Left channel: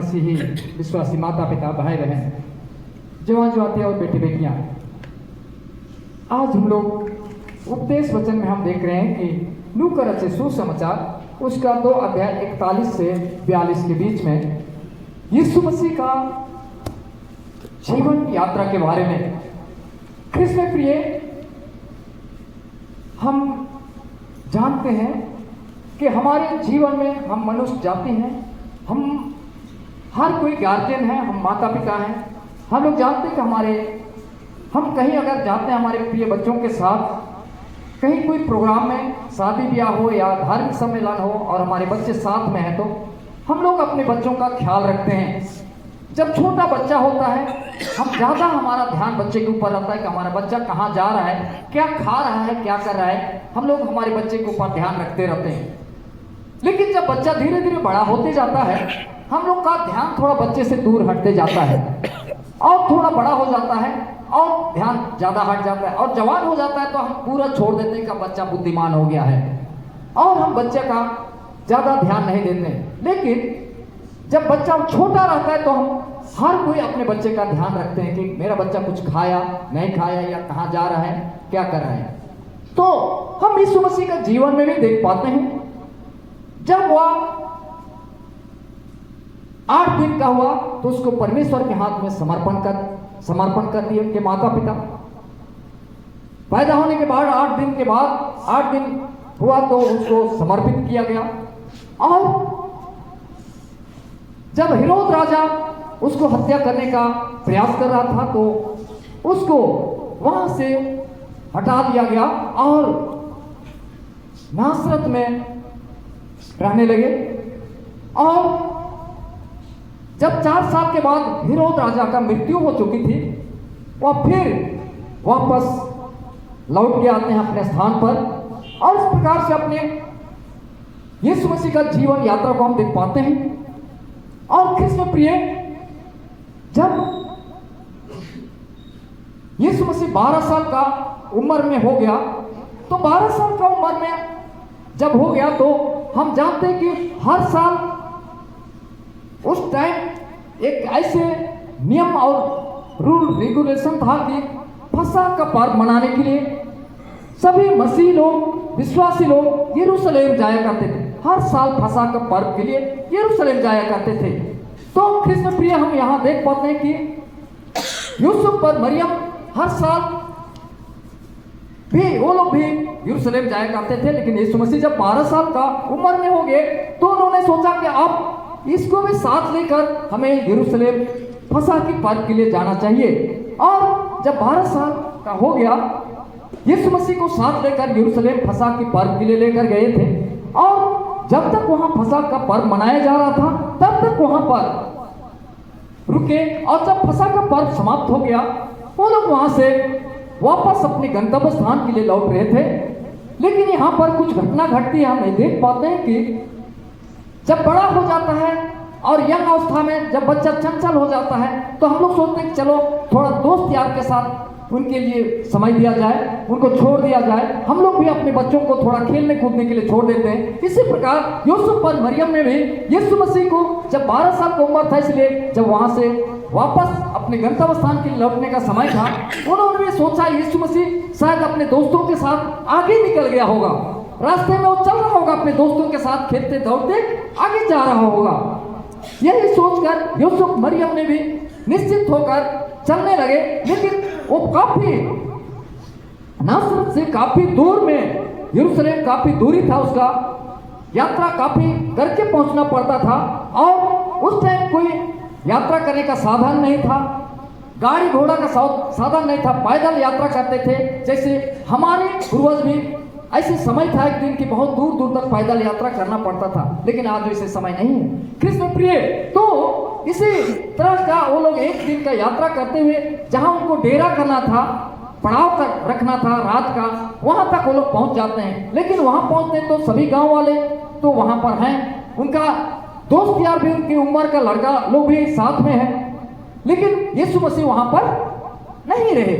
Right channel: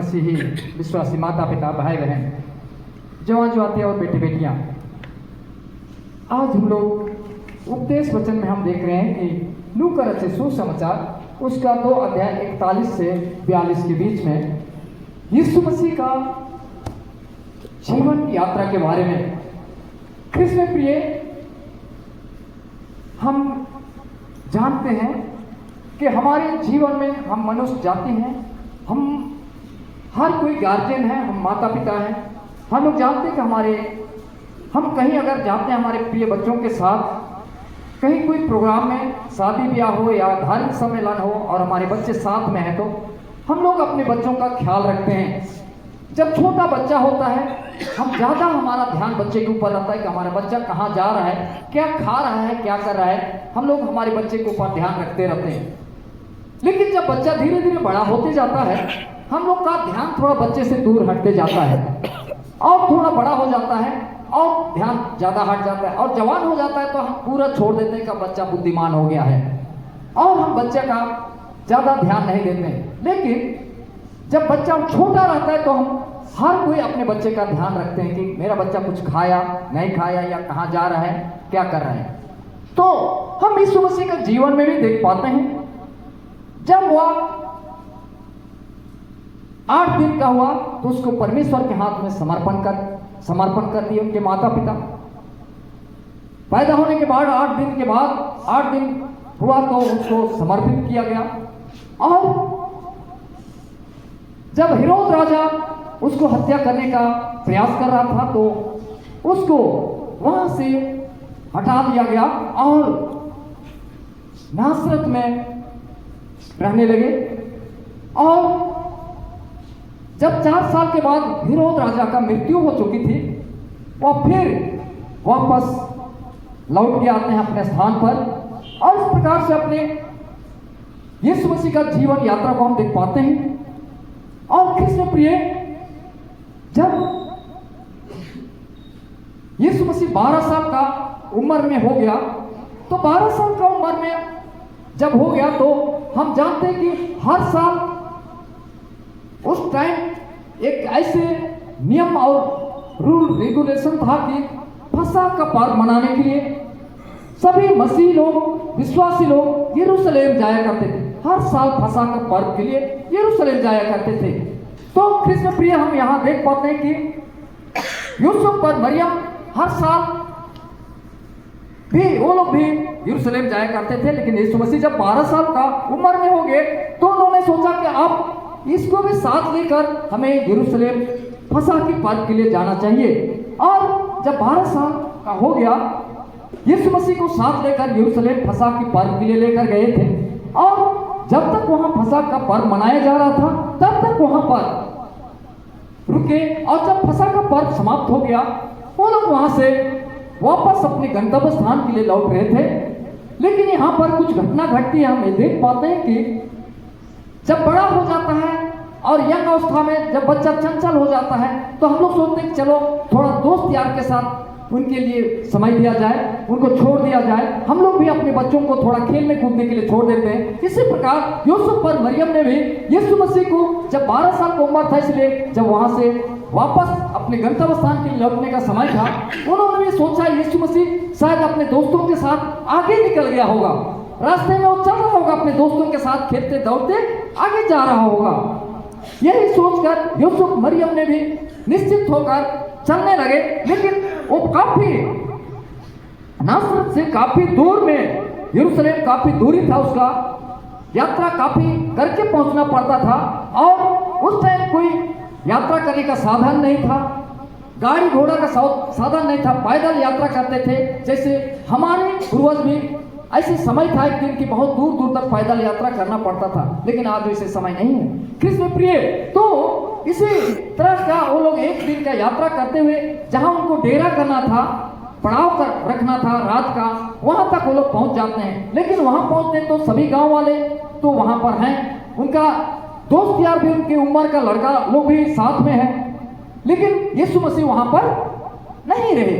मसीही विश्वासी माता पिता भाई बहन जवान जवातियाँ और बेटे बेटियाँ, आज हम लोग उपदेश वचन में हम देख रहे हैं कि लू का रचित सुसमाचार उसका 2 अध्याय 41 से 42 के बीच में यीशु मसीह का जीवन यात्रा के बारे में। कृष्ण प्रिय, हम जानते हैं कि हमारे जीवन में हम मनुष्य जाति हैं, हम हर कोई गार्जियन है, हम माता पिता हैं। हम लोग जानते हैं कि हम कहीं अगर जाते हैं हमारे प्रिय बच्चों के साथ, कहीं कोई प्रोग्राम में शादी ब्याह हो या धार्मिक सम्मेलन हो और हमारे बच्चे साथ में हैं, तो हम लोग अपने बच्चों का ख्याल रखते हैं। जब छोटा बच्चा होता है, हम ज़्यादा हमारा ध्यान बच्चे के ऊपर रहता है कि हमारा बच्चा कहाँ जा रहा है, क्या खा रहा है, क्या कर रहा है। हम लोग हमारे बच्चे के ऊपर ध्यान रखते रहते हैं। लेकिन जब बच्चा धीरे धीरे बड़ा होते जाता है, हम लोग का ध्यान थोड़ा बच्चे से दूर हटते जाता है और थोड़ा बड़ा हो जाता है और ध्यान ज़्यादा हट जाता है और जवान हो जाता है तो हम पूरा छोड़ देते हैं कि बच्चा बुद्धिमान हो गया है और हम बच्चे का ज़्यादा ध्यान नहीं देते हैं। लेकिन जब बच्चा छोटा रहता है तो हम हर कोई अपने बच्चे का ध्यान रखते हैं कि मेरा बच्चा कुछ खाया नहीं खाया या कहाँ जा रहा है, क्या कर रहा है। तो हम यीशु मसीह का जीवन में भी देख पाते हैं। जब वह 8 दिन का हुआ तो उसको परमेश्वर के हाथ में समर्पण कर दिए उनके माता पिता। पैदा होने के बाद 8 दिन के बाद 8 दिन हुआ तो उसको समर्पित किया गया। और जब हेरोद राजा उसको हत्या करने का प्रयास कर रहा था तो उसको वहां से हटा दिया गया और नासरत में रहने लगे। और जब 4 साल के बाद हेरोद राजा का मृत्यु हो चुकी थी, वह फिर वापस लौट के आते हैं अपने स्थान पर और इस प्रकार से अपने यीशु मसीह का जीवन यात्रा को हम देख पाते हैं। और कृष्ण प्रिय, जब यीशु मसीह 12 साल का उम्र में हो गया तो 12 साल का उम्र में जब हो गया तो हम जानते हैं कि हर साल उस टाइम एक ऐसे नियम और रूल रेगुलेशन था कि फसह का पर्व मनाने के लिए सभी मसीह लोग, विश्वासी लोग यरूशलेम जाया करते थे। हर साल फसह का पर्व के लिए यरूशलेम जाया करते थे। तो कृष्ण प्रिय, हम यहाँ देख पाते हैं कि यूसुफ और मरियम हर साल भी वो लोग भी यरूशलेम जाया करते थे। लेकिन यीशु मसीह जब 12 साल का उम्र में हो गए तो उन्होंने सोचा कि अब इसको भी साथ लेकर हमें यरूशलेम फसह की पर्व के लिए जाना चाहिए। और जब 12 साल का हो गया, यीशु मसीह को साथ लेकर यरूशलेम फसह की पर्व के लिए लेकर गए थे। और जब तक वहां फसह का पर्व मनाया जा रहा था तब तक वहां पर रुके। और जब फसह का पर्व समाप्त हो गया, वो लोग वहां से वापस अपने गंतव्य स्थान के लिए लौट रहे थे। लेकिन यहाँ पर कुछ घटना घटती है। हम देख पाते हैं कि जब बड़ा हो जाता है और यंग अवस्था में जब बच्चा चंचल हो जाता है तो हम लोग सोचते हैं कि चलो थोड़ा दोस्त यार के साथ उनके लिए समय दिया जाए, उनको छोड़ दिया जाए। हम लोग भी अपने बच्चों को थोड़ा खेलने कूदने के लिए छोड़ देते हैं। इसी प्रकार यूसुफ और मरियम ने भी यीशु मसीह को जब 12 साल की उम्र था, इसलिए जब वहां से वापस अपने गंतव्य स्थान के लिए लौटने का समय था, उन्होंने भी सोचा यीशु मसीह शायद अपने दोस्तों के साथ आगे निकल गया होगा, रास्ते में वो चल रहा होगा अपने दोस्तों के साथ खेलते दौड़ते आगे जा रहा होगा। यही सोचकर यूसुफ मरियम ने भी निश्चित होकर चलने लगे। लेकिन वो काफी नासरत से काफी दूर में, यरूशलेम काफी दूरी था, उसका यात्रा काफी करके पहुंचना पड़ता था। और उस टाइम कोई यात्रा करने का साधन नहीं था, गाड़ी घोड़ा का साधन नहीं था, पैदल यात्रा करते थे। जैसे हमारे पूर्वज भी ऐसे समय था एक दिन की बहुत दूर दूर तक पैदल यात्रा करना पड़ता था। लेकिन आज वैसे समय नहीं है कृष्ण प्रिय। तो इसी तरह का वो लोग एक दिन का यात्रा करते हुए जहां उनको डेरा करना था, पड़ाव कर रखना था रात का, वहां तक वो लोग पहुंच जाते हैं। लेकिन वहां पहुंचते तो सभी गांव वाले तो वहां पर हैं, उनका दोस्त यार भी, उनकी उम्र का लड़का लोग भी साथ में है। लेकिन यीशु मसीह वहां पर नहीं रहे।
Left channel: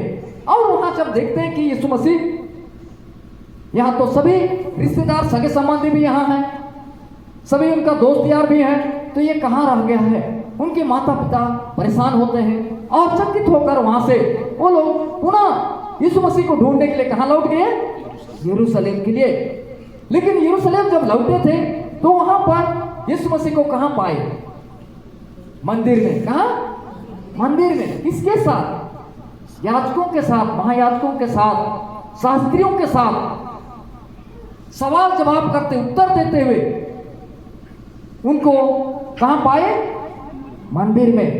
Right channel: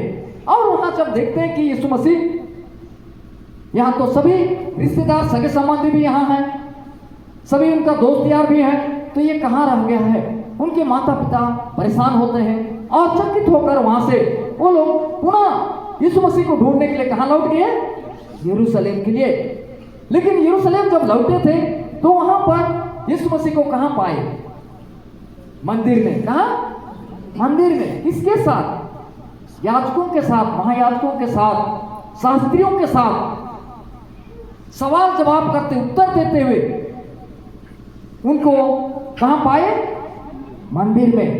और वहां जब देखते हैं कि यीशु मसीह यहाँ तो सभी रिश्तेदार सगे संबंधी भी यहाँ हैं, सभी उनका दोस्त यार भी है, तो ये कहाँ रह गया है। उनके माता पिता परेशान होते हैं और चकित होकर वहां से वो लोग पुनः यीशु मसीह को ढूंढने के लिए कहां लौट गए? यरूशलेम के लिए। लेकिन यरूशलेम जब लौटे थे तो वहां पर यीशु मसीह को कहां पाए? मंदिर में। कहां? मंदिर में। किसके साथ? याजकों के साथ, महायाजकों के साथ, शास्त्रियों के साथ सवाल जवाब करते, उत्तर देते हुए उनको कहां पाए? मंदिर में।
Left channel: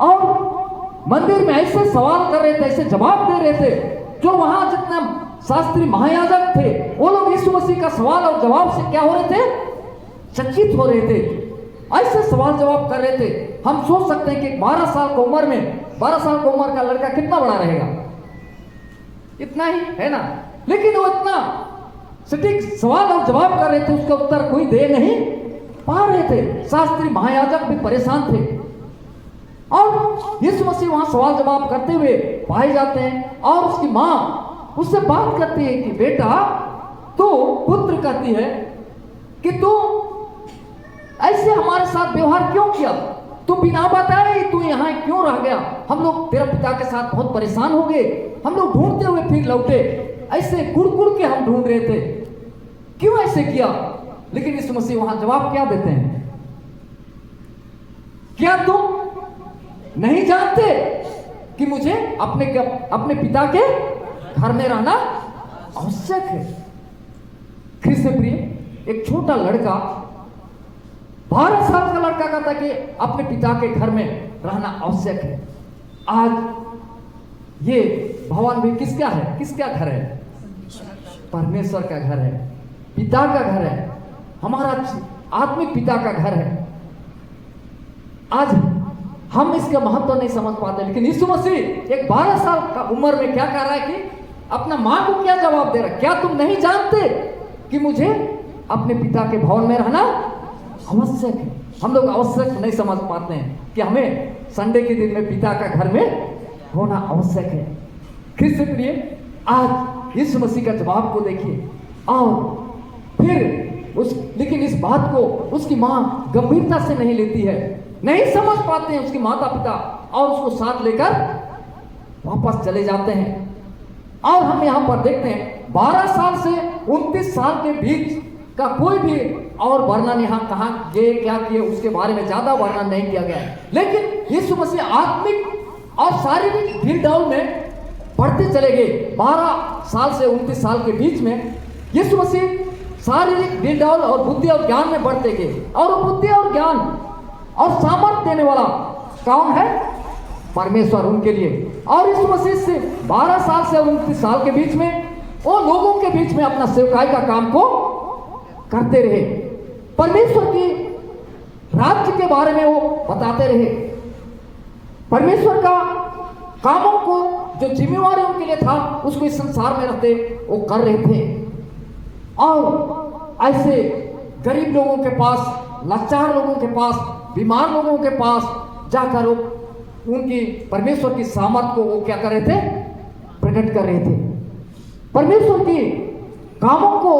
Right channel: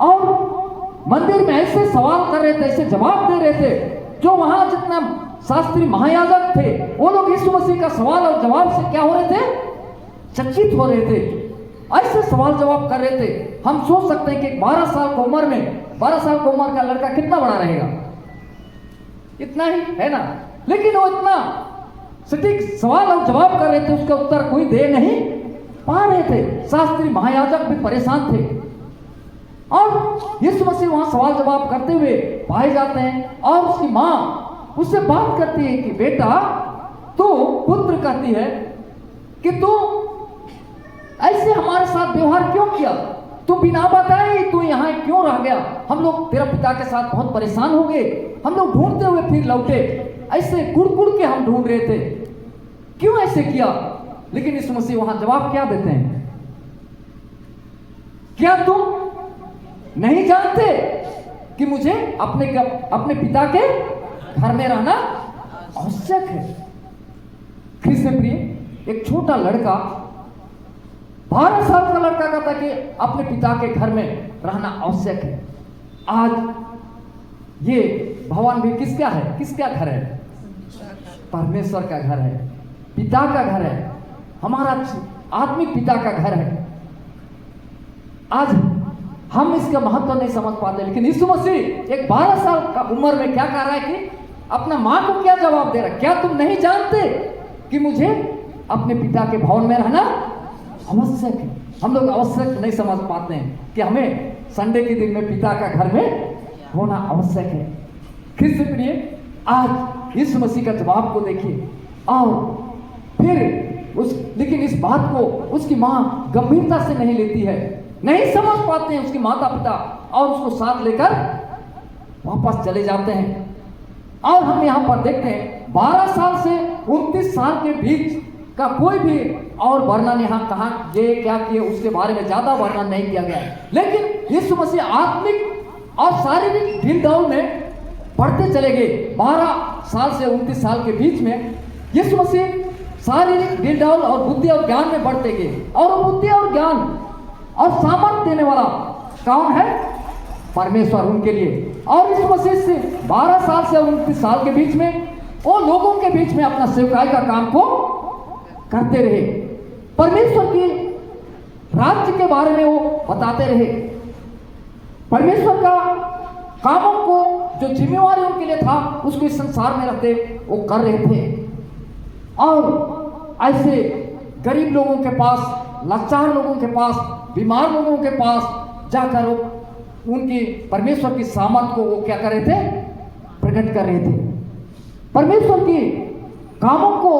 और मंदिर में ऐसे सवाल कर रहे थे, ऐसे जवाब दे रहे थे, जो वहां जितना शास्त्री महायाजक थे वो लोग यीशु मसीह का सवाल और जवाब से क्या हो रहे थे? चकित हो रहे थे। ऐसे सवाल जवाब कर रहे थे। हम सोच सकते हैं कि 12 साल की उम्र में, 12 साल की उम्र का लड़का कितना बड़ा रहेगा? इतना ही है ना। लेकिन वो इतना सटीक सवाल और जवाब कर रहे थे, उसका उत्तर कोई दे नहीं पा रहे थे। शास्त्री महायाजक भी परेशान थे। और यीशु मसीह वहां सवाल जवाब करते हुए पाए जाते हैं और उसकी मां उससे बात करती है कि बेटा, तू, पुत्र कहती है कि तू ऐसे हमारे साथ व्यवहार क्यों किया? तू बिना बताए तू यहाँ क्यों रह गया? हम लोग तेरे पिता के साथ बहुत परेशान हो गए, हम लोग ढूंढते हुए फिर लौटे, ऐसे कुड़ के हम ढूंढ रहे थे, क्यों ऐसे किया? लेकिन यीशु मसीह वहां जवाब क्या देते हैं? क्या तुम नहीं जानते कि मुझे अपने पिता के घर में रहना आवश्यक है? ख्रिस्त प्रिय, एक छोटा लड़का, 12 साल का लड़का कहता कि अपने पिता के घर में रहना आवश्यक है। आज ये भवन भी किसका है? किसका घर है? परमेश्वर का घर है, पिता का घर है, हमारा आत्मिक पिता का घर है। आज हम इसका महत्व नहीं समझ पाते, लेकिन यीशु मसीह एक 12 साल का उम्र में क्या कर रहा है कि अपना मां को क्या जवाब दे रहा है? क्या तुम नहीं जानते कि मुझे अपने पिता के भवन में रहना आवश्यक है? हम लोग आवश्यक नहीं समझ पाते हैं कि हमें संडे के दिन में पिता का घर में होना आवश्यक है। ख्रिस्त प्रिय, आज यीशु मसीह का जवाब को देखिए और फिर लेकिन इस बात को उसकी मां गंभीरता से नहीं लेती है, नहीं समझ पाते हैं उसके माता पिता, और उसको साथ लेकर वापस चले जाते हैं। और हम यहाँ पर देखते हैं 12 साल से 29 साल के बीच का कोई भी और वर्णन यहाँ कहाँ ये क्या किए उसके बारे में ज्यादा वर्णन नहीं किया गया है। लेकिन यीशु मसीह आत्मिक और शारीरिक ढील में बढ़ते चले गए। 12 साल से 29 साल के बीच में यीशु मसीह शारीरिक ढील और बुद्धि और ज्ञान में बढ़ते गए। और बुद्धि और ज्ञान और सामर्थ देने वाला कौन है? परमेश्वर उनके लिए। और इस मसीह से 12 साल से 29 साल के बीच में वो लोगों के बीच में अपना सेवकाई का काम को करते रहे, परमेश्वर की राज्य के बारे में वो बताते रहे, परमेश्वर का कामों को जो जिम्मेवारी उनके लिए था उसको इस संसार में रहते वो कर रहे थे। और ऐसे गरीब लोगों के पास, लाचार लोगों के पास, बीमार लोगों के पास जाकर उनकी परमेश्वर की सामर्थ को वो क्या कर रहे थे? प्रकट कर रहे थे। परमेश्वर की कामों को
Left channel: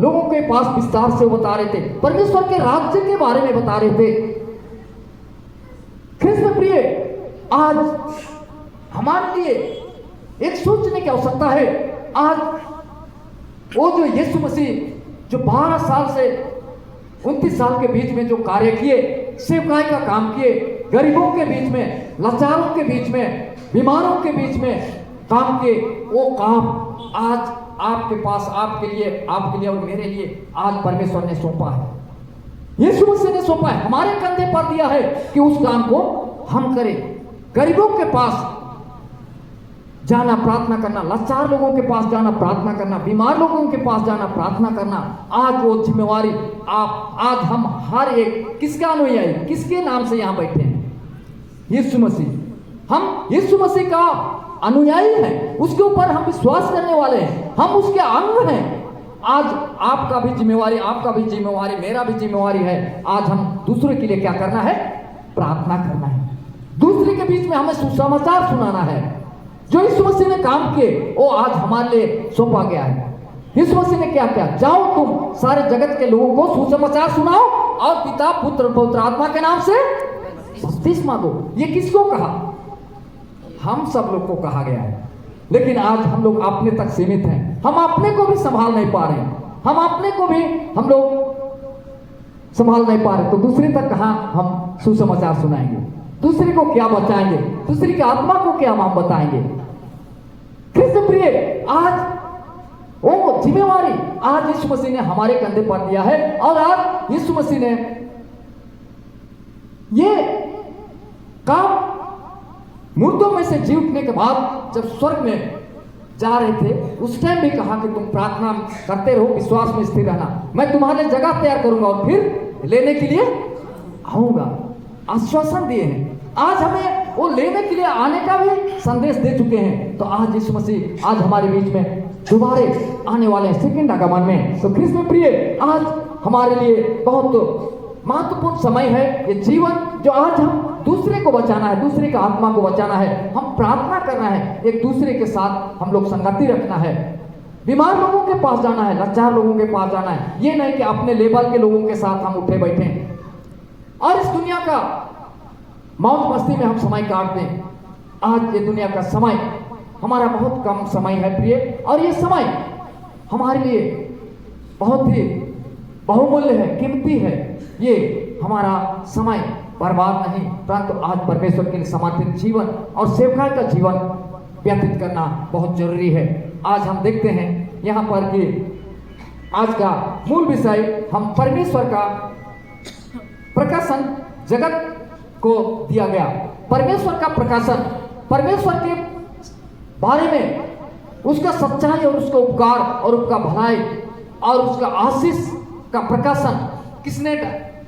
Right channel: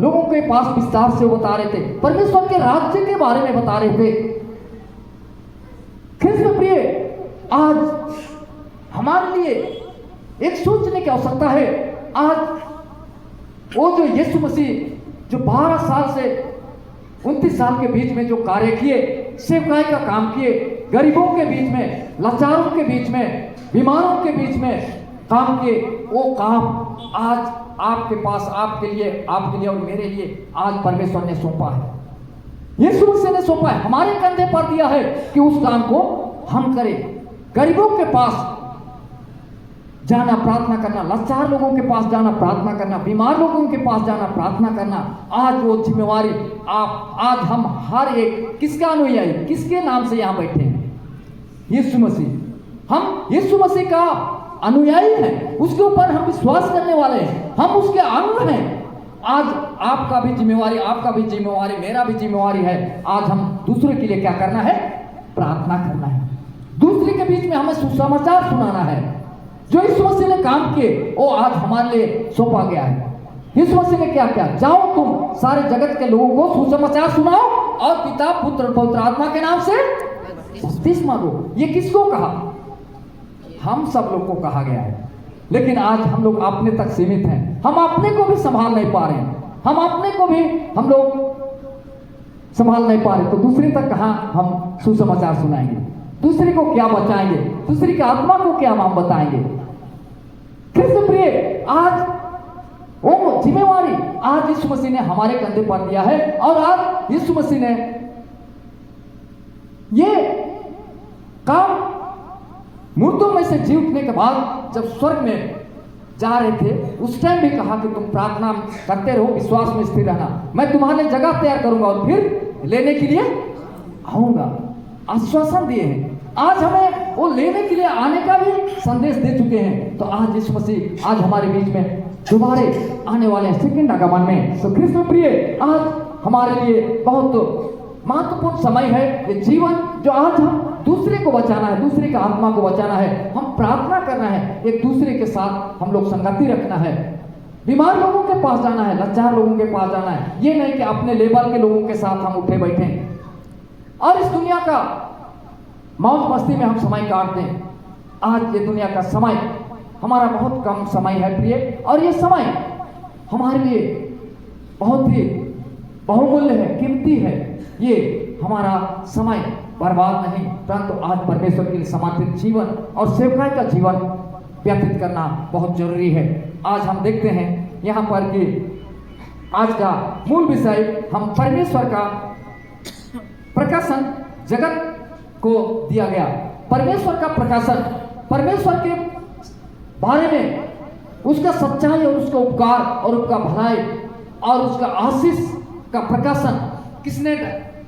लोगों के पास विस्तार से बता रहे थे, परमेश्वर के राज्य के बारे में बता रहे थे। ख्रिस्त प्रिय, आज हमारे लिए एक सोचने की आवश्यकता है। आज वो जो यीशु मसीह जो 12 साल से 29 साल के बीच में जो कार्य किए, सेवकाई का काम किए, गरीबों के बीच में, लाचारों के बीच में, बीमारों के बीच में काम किए, वो काम आज आपके पास, आपके लिए और मेरे लिए आज परमेश्वर ने सौंपा है, यीशु मसीह ने सौंपा है, हमारे कंधे पर दिया है कि उस काम को हम करें। गरीबों के पास जाना, प्रार्थना करना, लाचार लोगों के पास जाना, प्रार्थना करना, बीमार लोगों के पास जाना, प्रार्थना करना, आज वो जिम्मेवारी आज हम हर एक, किसका अनुयायी, किसके नाम से यहाँ बैठे हैं? यीशु मसीह। हम यीशु मसीह का अनुयायी हैं, उसके ऊपर हम विश्वास करने वाले हैं, हम उसके अंग हैं। आज आपका भी जिम्मेवारी, आपका भी जिम्मेवारी, मेरा भी जिम्मेवारी है, आज हम दूसरे के लिए क्या करना है? प्रार्थना करना है। दूसरे के बीच में हमें सुसमाचार सुनाना है। जो यीशु मसीह ने काम किए वो आज हमारे लिए सौंपा गया है। यीशु मसीह ने क्या किया? जाओ तुम सारे जगत के लोगों को सुसमाचार सुनाओ और पिता, पुत्र, पवित्र आत्मा के नाम से बपतिस्मा दो। ये किसको कहा? हम सब लोग को कहा गया है। लेकिन आज हम लोग अपने तक सीमित हैं, हम अपने को भी संभाल नहीं पा रहे हैं, हम अपने को भी हम लोग संभाल नहीं पा रहे, तो दूसरे तक कहां हम सुसमाचार सुनाएंगे? दूसरे को क्या बचाएंगे? दूसरे की आत्मा को क्या हम बताएंगे? कृष्ण प्रिय, आज वो जिम्मेवारी आज यीशु मसीह ने हमारे कंधे पर दिया है। और आज यीशु मसीह ने ये काम मुर्दों में से जी उठने के बाद जब स्वर्ग में जा रहे थे, उस टाइम भी कहा कि तुम प्रार्थना करते रहो, विश्वास में स्थिर रहना, मैं तुम्हारे लिए जगह तैयार करूंगा और फिर लेने के लिए आऊंगा। आश्वासन दिए हैं। आज हमें वो लेने के लिए आने का भी संदेश दे चुके हैं। तो आज यीशु मसीह आज हमारे बीच में दोबारे आने वाले हैं सेकंड आगमन में। तो कृष्ण प्रिय, आज हमारे लिए बहुत महत्वपूर्ण समय है ये जीवन, जो आज हम दूसरे को बचाना है, दूसरे की आत्मा को बचाना है, हम प्रार्थना करना है, एक दूसरे के साथ हम लोग संगति रखना है, बीमार लोगों के पास जाना है, लाचार लोगों के पास जाना है। ये नहीं कि अपने लेवल के लोगों के साथ हम उठे बैठे हैं और इस दुनिया का मौज मस्ती में हम समय काट दें। आज ये दुनिया का समय हमारा बहुत कम समय है प्रिय, और ये समय हमारे लिए बहुत ही बहुमूल्य है, कीमती है। ये हमारा समय बर्बाद नहीं, परंतु आज परमेश्वर के लिए समर्पित जीवन और सेवकाई का जीवन व्यतीत करना बहुत जरूरी है। आज हम देखते हैं यहाँ पर कि आज का मूल विषय हम परमेश्वर का प्रकाशन जगत को दिया गया। परमेश्वर का प्रकाशन, परमेश्वर के बारे में, उसका सच्चाई और उसका उपकार और उसका भलाई और उसका आशीष का प्रकाशन किसने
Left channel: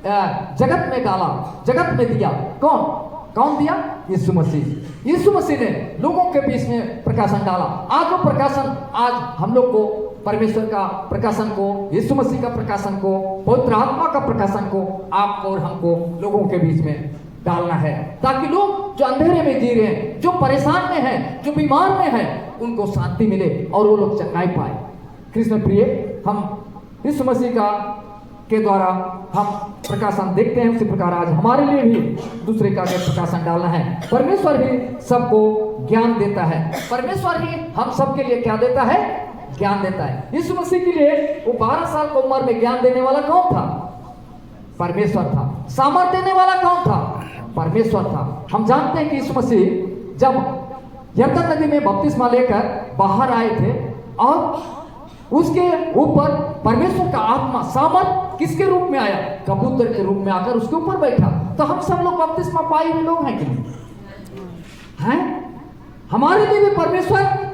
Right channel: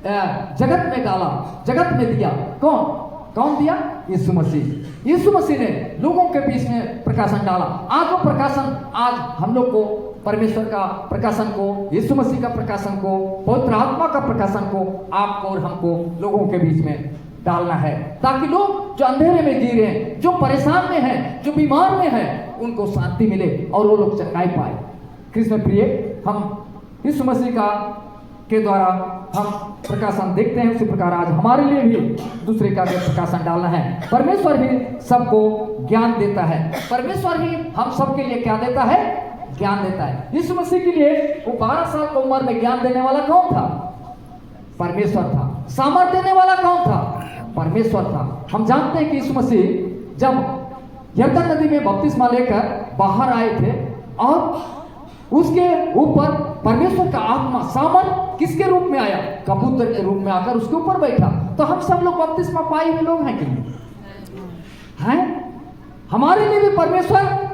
जगत में डाला, जगत में दिया? कौन दिया? यीशु मसीह। यीशु मसीह ने लोगों के बीच में प्रकाशन डाला। आज वो प्रकाशन, आज हम लोग को परमेश्वर का प्रकाशन को, यीशु मसीह का प्रकाशन को, पवित्र आत्मा का प्रकाशन को आपको और हमको लोगों के बीच में डालना है, ताकि लोग जो अंधेरे में जी रहे हैं, जो परेशान में हैं, जो बीमार में हैं, उनको शांति मिले और वो लोग चंगाई पाए। कृष्ण प्रिय, हम यीशु मसीह का के द्वारा हम प्रकाशन देखते हैं, उसी प्रकार आज हमारे लिए भी दूसरे का प्रकाशन डालना है। परमेश्वर ही सबको ज्ञान देता है, परमेश्वर ही हम सबके लिए क्या देता है? ज्ञान देता है। यीशु मसीह के लिए वो 12 साल की उम्र में ज्ञान देने वाला कौन था? परमेश्वर था। सामर्थ देने वाला कौन था? परमेश्वर था। हम जानते हैं कि यीशु मसीह जब यरदन नदी में बपतिस्मा लेकर बाहर आए थे और उसके ऊपर परमेश्वर का आत्मा सामर्थ किसके रूप में आया? कबूतर के रूप में आकर उसके ऊपर बैठा। तो हम सब लोग बपतिस्मा पाए हुए लोग हैं कि नहीं हैं? हमारे लिए भी परमेश्वर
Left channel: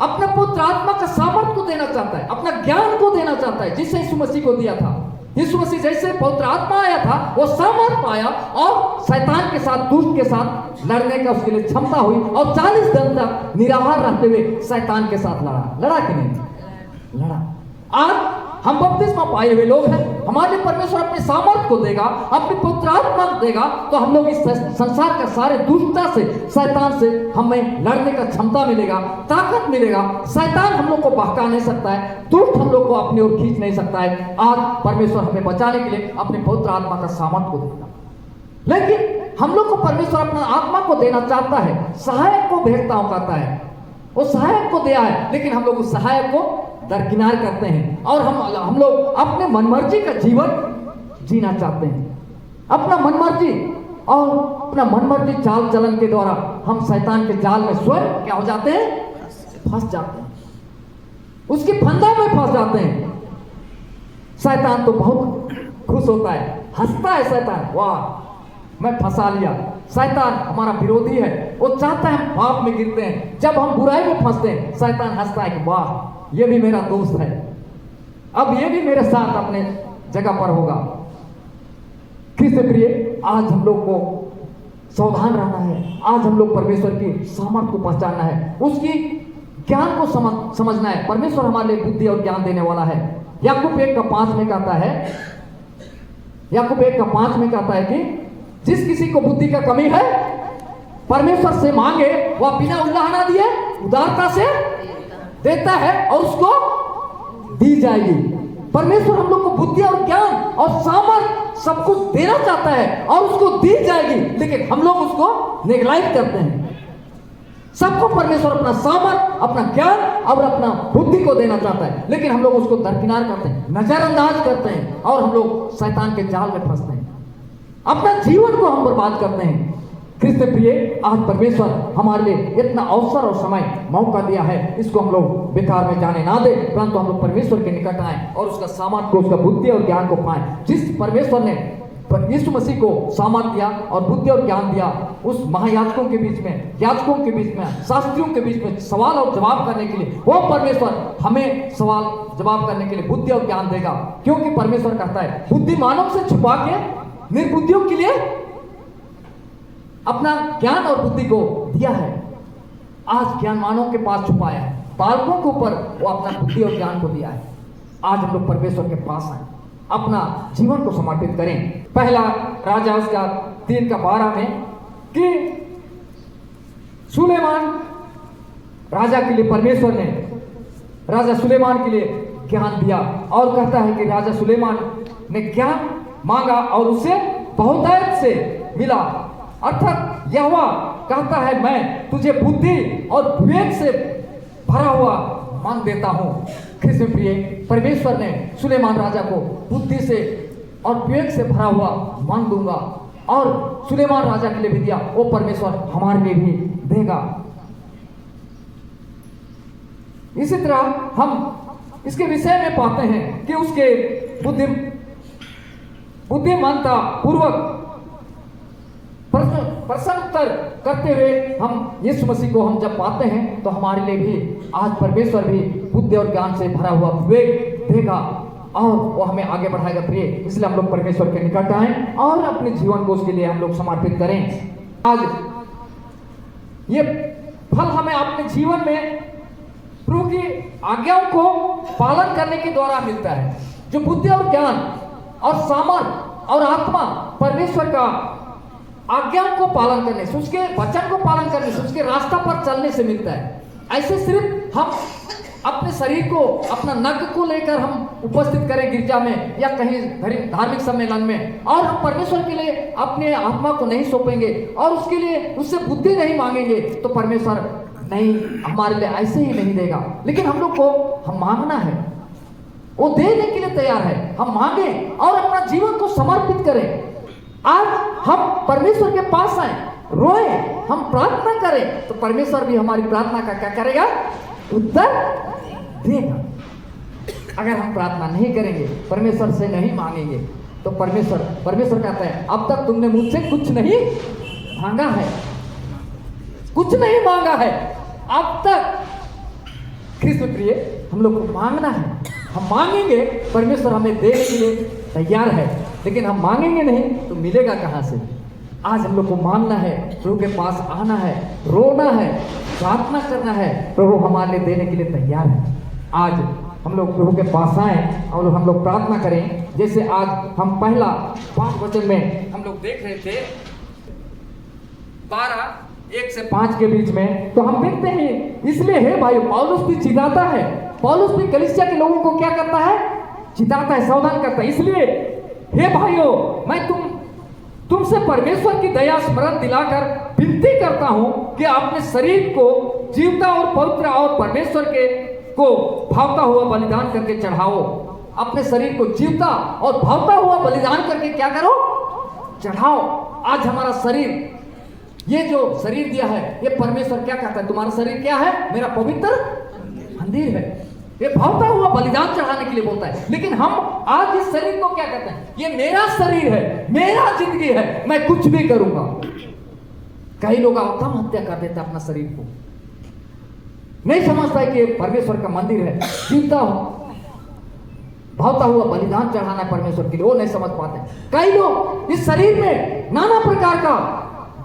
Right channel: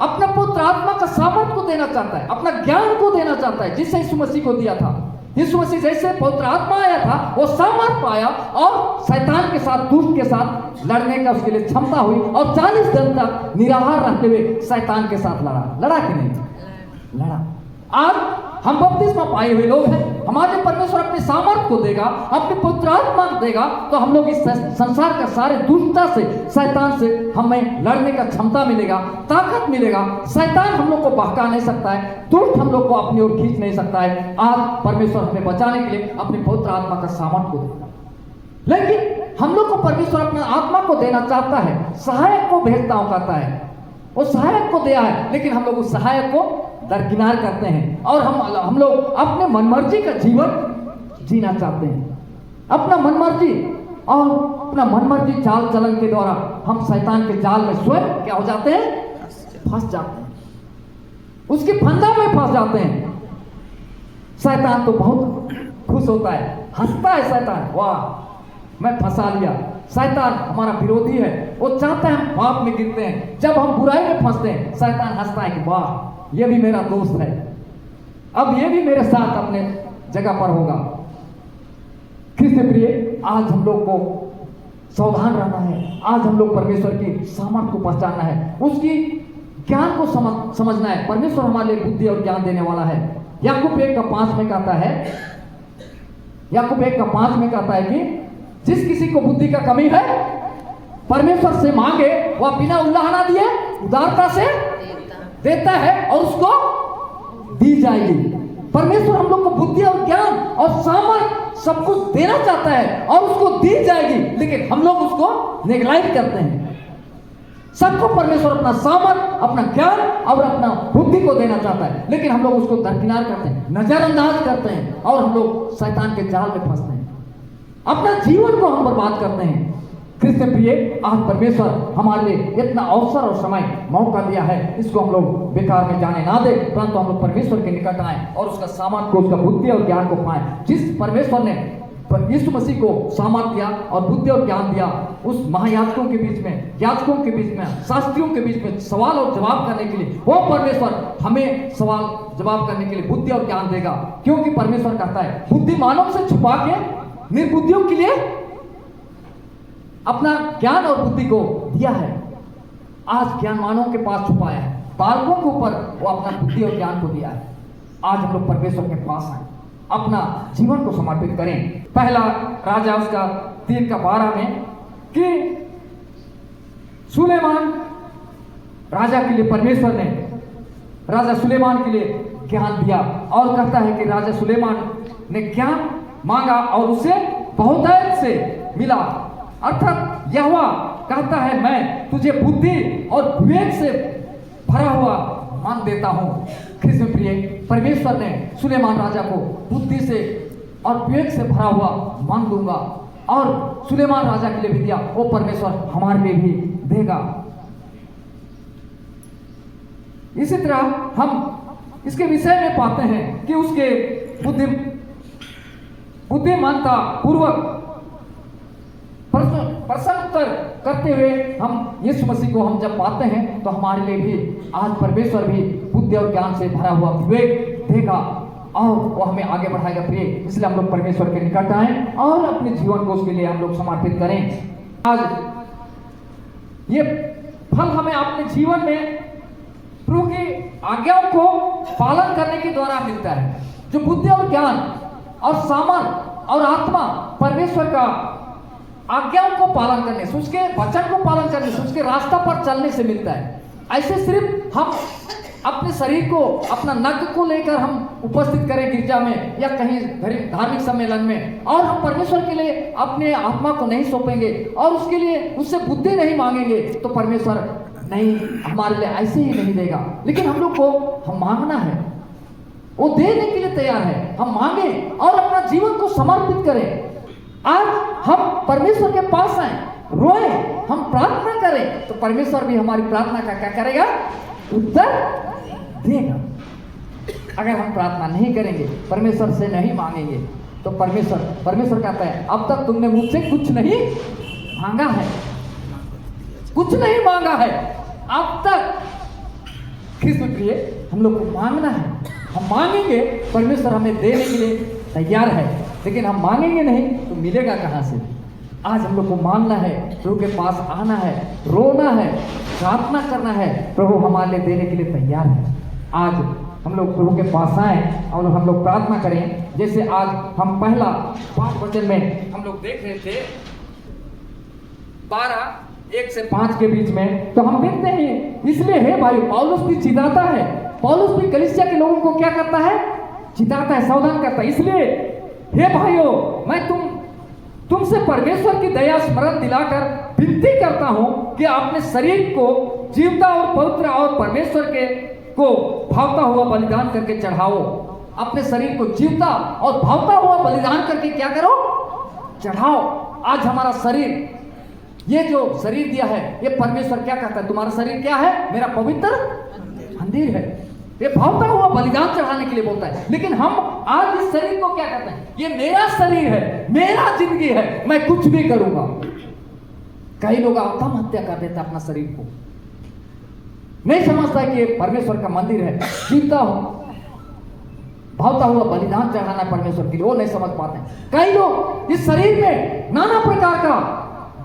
अपना पुत्र आत्मा का सामर्थ को देना चाहता है, अपना ज्ञान को देना चाहता है, जिससे यीशु मसीह को दिया था। यीशु मसीह जैसे पवित्र आत्मा आया था, वो सामर्थ पाया और शैतान के साथ, दुष्ट के साथ लड़ने का उसके लिए क्षमता हुई और 40 दिन तक निराहार रहते हुए शैतान के साथ लड़ा कि नहीं? लड़ा। आज हम बपतिस्मा पाए हुए लोग हैं, हमारे परमेश्वर अपने सामर्थ को देगा, अपनी पुत्र आत्मा को देगा, तो हम लोग इस संसार का सारे दुष्टता से, शैतान से हमें लड़ने का क्षमता मिलेगा, ताकत मिलेगा। शैतान हम लोग को बहका नहीं सकता है, दुष्ट हम लोग को अपनी ओर खींच नहीं सकता है। आज परमेश्वर हमें बचाने के लिए अपने पवित्र आत्मा का सामर्थ को देगा। लेकिन हम लोग को परमेश्वर अपना आत्मा को देना चाहता है, सहायक को भेजता हूं कहता है, वो सहायक को दिया है, लेकिन हम लोग उस सहायक को दरकिनार करते हैं और हम लोग अपने मनमर्जी का जीवन जीना चाहते हैं। अपना मनमर्जी और अपना मनमर्जी चाल चलन के द्वारा हम शैतान के जाल में स्वयं क्या हो जाते हैं? फंस जाते हैं, उसकी फंदा में फंस जाते हैं। शैतान तो बहुत खुश होता है, हंसता है शैतान, वाह मैं फंसा लिया। शैतान हमारा विरोधी है, वो चाहता है हम पाप में गिरते हैं। जब हम बुराई में फंसते हैं, शैतान हंसता है कि वाह ये भी मेरा दोस्त है, अब ये भी मेरे साथ अपने जगह पर होगा। कृष्ण प्रिय, आज हम लोग को सावधान रहना है। आज हम लोग परमेश्वर की सामर्थ को पहचानना है, उसकी ज्ञान को समझना है। परमेश्वर हमारे लिए बुद्धि और ज्ञान देने वाला है। याकूब 1:5 में कहता है, याकूब 1:5 में कहता है कि जिस किसी को बुद्धि का कमी है, परमेश्वर से मांगे, वह बिना उल्लाहना दिए उदारता से देता है और उसको दी जाएगी। परमेश्वर हम लोग को बुद्धि और ज्ञान और सामर्थ सब कुछ देना चाहता है और उसको दी जाएगी, लेकिन हम लोग उसको नेग्लेक्ट करते हैं। सबको परमेश्वर अपना सामर्थ, अपना ज्ञान और अपना बुद्धि को देना चाहता है, लेकिन हम लोग उसको दरकिनार करते हैं, नजरअंदाज करते हैं और हम लोग शैतान के जाल में फंसते हैं, अपना जीवन को हम बर्बाद करते हैं। क्रिस्त प्रिय, आज परमेश्वर हमारे लिए इतना अवसर और समय मौका दिया है, इसको हम लोग बेकार में जाने ना दे, परंतु हम लोग परमेश्वर के निकट आए और उसका सामर्थ को, उसका बुद्धि और ज्ञान को पाए। जिस परमेश्वर ने यीशु मसीह को सामर्थ दिया और बुद्धि और ज्ञान दिया, उस महायाजकों के बीच में, याजकों के बीच में, शास्त्रियों के बीच में सवाल और जवाब करने के लिए, वो परमेश्वर हमें सवाल जवाब करने के लिए बुद्धि और ज्ञान देगा। क्योंकि परमेश्वर कहता है, बुद्धिमानों से छुपा के निर्बुद्धियों के लिए अपना ज्ञान और बुद्धि को दिया है। आज ज्ञानवानों के पास छुपाया है, बालकों के ऊपर वो अपना बुद्धि और ज्ञान को दिया है। आज हम लोग परमेश्वर के पास आए, अपना जीवन को समर्पित करें। पहला राजा उसका 3:12 में कि सुलेमान राजा के लिए परमेश्वर ने राजा सुलेमान के लिए ज्ञान दिया, और कहता है कि राजा सुलेमान ने ज्ञान मांगा और उसे बहुतायत से मिला। अर्थात यहोवा कहता है, मैं तुझे बुद्धि और विवेक से भरा हुआ मन देता हूं। कृष्ण प्रिय, परमेश्वर ने सुलेमान राजा को बुद्धि से और विवेक से भरा हुआ मन दूंगा, और सुलेमान राजा के लिए भी दिया, वो परमेश्वर हमारे लिए भी देगा। इसी तरह हम इसके विषय में पाते हैं कि उसके बुद्धिमानता पूर्वक प्रश्नोत्तर करते हुए हम यीशु मसीह को हम जब पाते हैं, तो हमारे लिए भी आज परमेश्वर भी बुद्धि और ज्ञान से भरा हुआ विवेक देगा और वो हमें आगे बढ़ाएगा। प्रिय, इसलिए हम लोग परमेश्वर के निकट आए और अपने जीवन को उसके लिए हम लोग समर्पित करें। आज ये फल हमें अपने जीवन में प्रभु की आज्ञाओं को पालन करने के द्वारा मिलता है। जो बुद्धि और ज्ञान और सामर्थ और आत्मा परमेश्वर का आज्ञाओं को पालन करने से, उसके वचन को पालन करने से, उसके रास्ता पर चलने से मिलता है। ऐसे सिर्फ हम अपने शरीर को, अपना नक को लेकर हम उपस्थित करें गिरजा में या कहीं धार्मिक सम्मेलन में, और हम परमेश्वर के लिए अपने आत्मा को नहीं सौंपेंगे और उसके लिए उससे बुद्धि नहीं मांगेंगे, तो परमेश्वर नहीं, हमारे लिए ऐसे ही नहीं देगा। लेकिन हम लोग को हम मांगना है, वो देने के लिए तैयार है। हम मांगे और अपना जीवन को समर्पित करें। आज हम परमेश्वर के पास आए, रोए, हम प्रार्थना करें, तो परमेश्वर भी हमारी प्रार्थना का क्या करेगा? उत्तर देगा। अगर हम प्रार्थना नहीं करेंगे, परमेश्वर से नहीं मांगेंगे, तो परमेश्वर कहता है, अब तक तुमने मुझसे कुछ नहीं मांगा है, कुछ नहीं मांगा है अब तक। कृष्ण प्रिय, हम लोग को मांगना है। हम मांगेंगे, परमेश्वर हमें देने के लिए तैयार है, लेकिन हम मांगेंगे नहीं तो मिलेगा कहां से? आज हम लोग को मांगना है, प्रभु के पास आना है, रोना है, प्रार्थना करना है। प्रभु हमारे लिए देने के लिए तैयार है। आज हम लोग प्रभु के पास आए और हम लोग प्रार्थना करें। जैसे आज हम पहला 5 वचन में हम लोग देख रहे थे, 12:1 से 5 के बीच में, तो हम देखते हैं, इसलिए हे भाई, पौलुस भी चिताता है। पौलुस भी कलीसिया के लोगों को क्या करता है? चिताता है, सावधान करता है। इसलिए हे भाइयों, मैं तुमसे परमेश्वर की दया स्मरण दिलाकर विनती करता हूं कि अपने शरीर को जीवता और पवित्र और परमेश्वर को भावता हुआ बलिदान करके चढ़ाओ। अपने शरीर को जीवता और भावता हुआ बलिदान करके क्या करो? चढ़ाओ। आज हमारा शरीर, ये जो शरीर दिया है, ये परमेश्वर क्या कहता है? तुम्हारा शरीर क्या है? मेरा पवित्र मंदिर है। ये भावता हुआ बलिदान चढ़ाने के लिए बोलता है। लेकिन हम आज इस शरीर को क्या कहते हैं? ये मेरा शरीर है, मेरा जिंदगी है, मैं कुछ भी करूंगा। कई लोग आत्महत्या कर देते हैं अपना शरीर को, नहीं समझता है कि ये परमेश्वर का मंदिर है, जीवता भावता हुआ बलिदान चढ़ाना है परमेश्वर के लिए, वो नहीं समझ पाते। कई लोग इस शरीर में नाना प्रकार का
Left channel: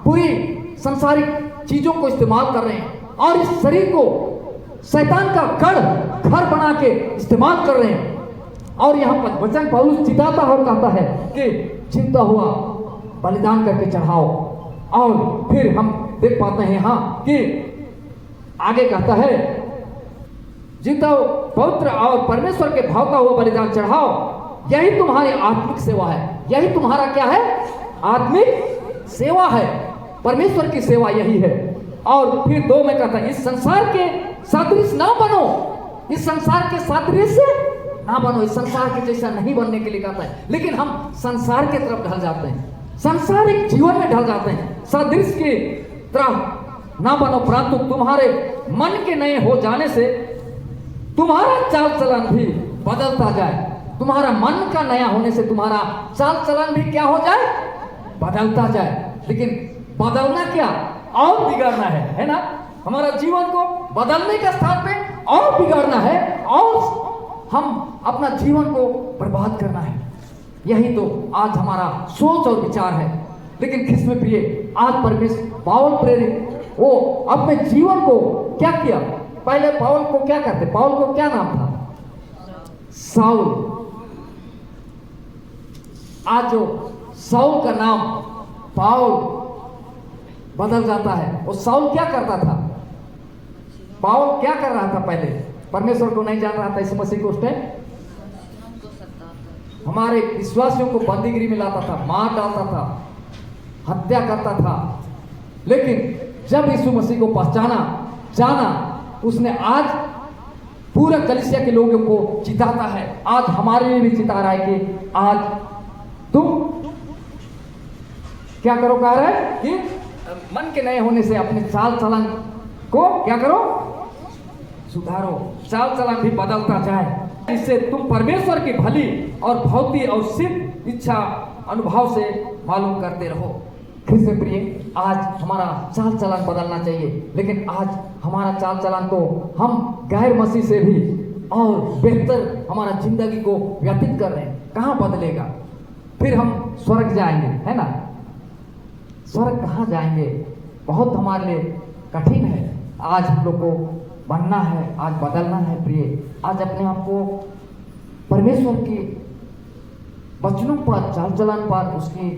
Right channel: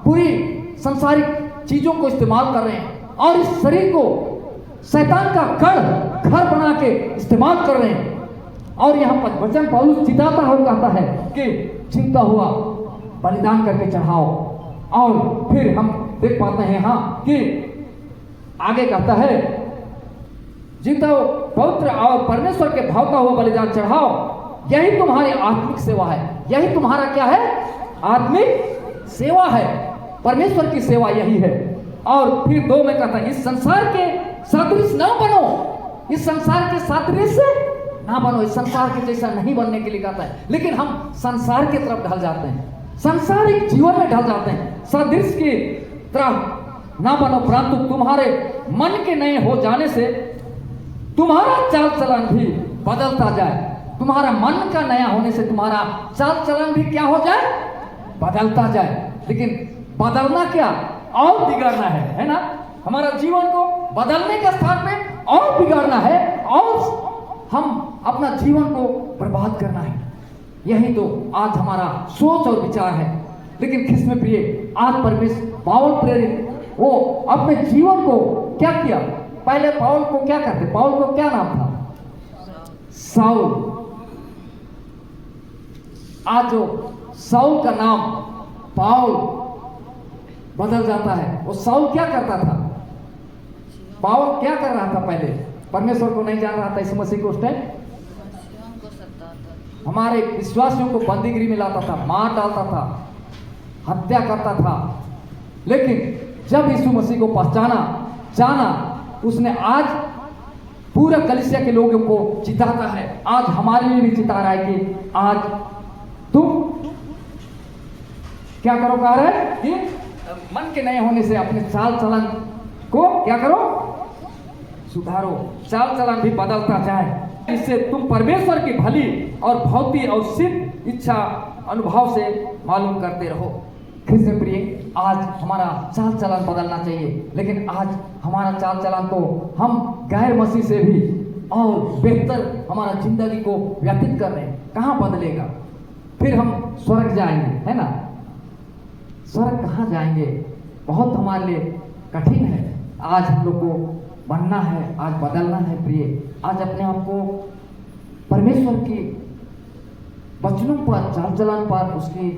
बुरी संसारिक चीजों को इस्तेमाल कर रहे हैं और इस शरीर को शैतान का घर बना के इस्तेमाल कर रहे हैं। और यहाँ पर वचन पौलुस चिताता हुआ कहता है कि जीवता हुआ बलिदान करके चढ़ाओ। और फिर हम देख पाते हैं कि आगे कहता है, जीवता पवित्र और परमेश्वर के भावता हुआ बलिदान चढ़ाओ, यही तुम्हारी आत्मिक सेवा है। यही तुम्हारा क्या है? आत्मिक सेवा है। परमेश्वर की सेवा यही है। और फिर 2 में कहता है, इस संसार के सदृश ना बनो, इस संसार के सदृश ना बनो, इस संसार के जैसा नहीं बनने के लिए कहता है। लेकिन हम संसार की तरफ ढल जाते हैं, सांसारिक जीवन में ढल जाते हैं। सदृश की तरह ना बनो, परंतु तुम्हारे मन के नए हो जाने से तुम्हारा चाल चलन भी बदलता जाए। तुम्हारा मन का नया होने से तुम्हारा चाल चलन भी क्या हो जाए? बदलता जाए। लेकिन बदलना क्या? और बिगाड़ना है ना? हमारा जीवन को बदलने के स्थान पे और बिगाड़ना है, और हम अपना जीवन को बर्बाद करना है। यही तो आज हमारा सोच और विचार है। लेकिन किसमें प्रिय, आज परमेश्वर पावल प्रेरित वो अपने जीवन को क्या किया? पहले पावल को क्या करते? पावल को क्या नाम था? साउल। आज जो साउल का नाम पावल बदल जाता है। वो साउल क्या करता था? पावल क्या कर रहा था? पहले परमेश्वर को नहीं जान रहा था, इस मसीह को उस टाइम हमारे विश्वासियों को बंदीगिरी में लाता था, मार डालता था, हत्या करता था। लेकिन जब यीशु मसीह को पहचाना, जाना, उसने आज पूरा कलीसिया के लोगों को चिताता है। आज हमारे लिए भी चिता रहा है कि आज तुम क्या करो? कह रहे हैं कि मन के नए होने से अपने चाल चलन को क्या करो? सुधारो। चाल चलन भी बदलता जाए, इससे तुम परमेश्वर की भली और भौतिक और सिद्ध इच्छा अनुभव से मालूम करते रहो। कृष्ण प्रिय, आज हमारा चाल चलन बदलना चाहिए। लेकिन आज हमारा चाल चलन को हम गैर मसीह से भी और बेहतर हमारा जिंदगी को व्यतीत कर रहे हैं। कहाँ बदलेगा? फिर हम स्वर्ग जाएंगे, है ना? स्वर्ग कहाँ जाएंगे? बहुत हमारे लिए कठिन है। आज हम लोग को बनना है, आज बदलना है प्रिय। आज अपने आप को परमेश्वर की वचनों पर, चाल चलन पर, उसकी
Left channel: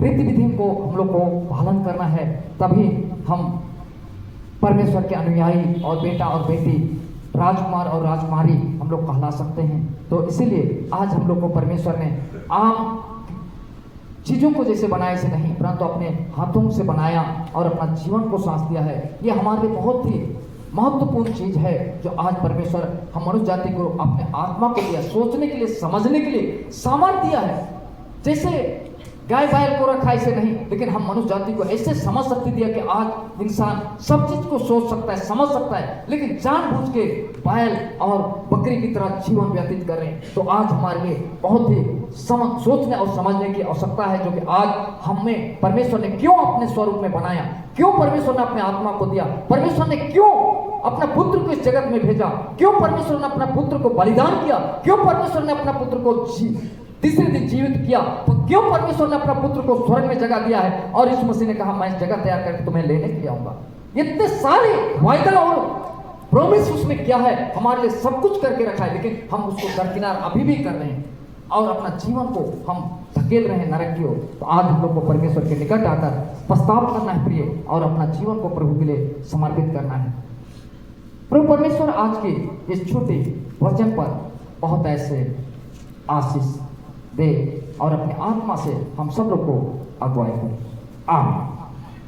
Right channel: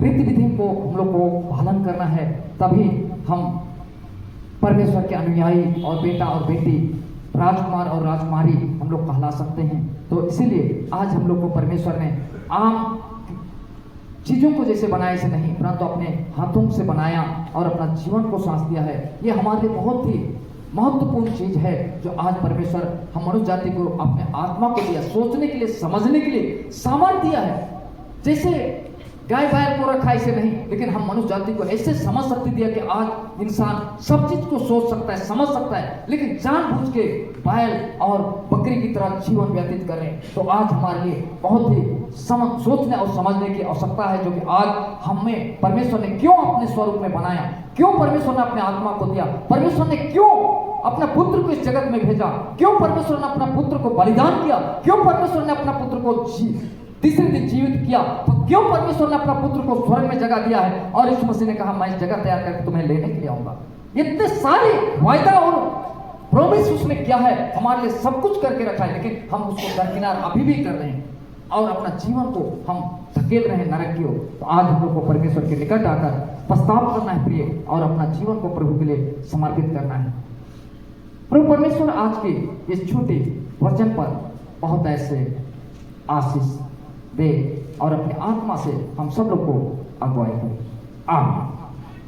रीति विधि को हम लोग को पालन करना है। तभी हम परमेश्वर के अनुयायी और बेटा और बेटी, राजकुमार और राजकुमारी हम लोग कहला सकते हैं। तो इसीलिए आज हम लोग को परमेश्वर ने आम चीजों को जैसे बनाया से नहीं, परंतु अपने हाथों से बनाया और अपना जीवन को सांस दिया है। ये हमारे लिए बहुत ही महत्वपूर्ण चीज है, जो आज परमेश्वर हम मनुष्य जाति को अपने आत्मा को दिया, सोचने के लिए, समझने के लिए सामर्थ्य दिया है। जैसे गाय बैल को रखा ऐसे नहीं, लेकिन हम मनुष्य जाति को ऐसे समझ शक्ति दिया कि आज इंसान सब चीज को सोच सकता है, समझ सकता है। लेकिन जानबूझ के बैल और बकरी की तरह जीवन व्यतीत कर रहे हैं। तो आज हमारे लिए बहुत ही सोचने और समझने की आवश्यकता है, जो कि आज हमें परमेश्वर ने क्यों अपने स्वरूप में बनाया, क्यों परमेश्वर ने अपने आत्मा को दिया, परमेश्वर ने क्यों अपना पुत्र को इस जगत में भेजा, क्यों परमेश्वर ने अपना पुत्र को बलिदान किया, क्यों परमेश्वर ने अपना पुत्र को तीसरे दिन जीवित किया, तो क्यों परमेश्वर ने अपना पुत्र को स्वर्ग में जगह दिया है। और यीशु मसीह ने कहा, मैं इस जगह तैयार करके तुम्हें लेने के लिए आऊंगा। इतने सारे वायदा और प्रॉमिस उसने किया है, हमारे लिए सब कुछ करके रखा है, लेकिन हम उसको दरकिनार अभी भी कर रहे हैं और अपना जीवन को हम धकेल रहे हैं नरक की ओर। तो आज हम लोग को परमेश्वर के निकट आकर पछतावा करना है प्रिय, और अपना जीवन को प्रभु के लिए समर्पित करना है। प्रभु परमेश्वर आज के इस छोटे वचन पर बहुत ऐसे आशीष दे और अपने आत्मा से हम सब लोग को अगुवाई करें। आमीन।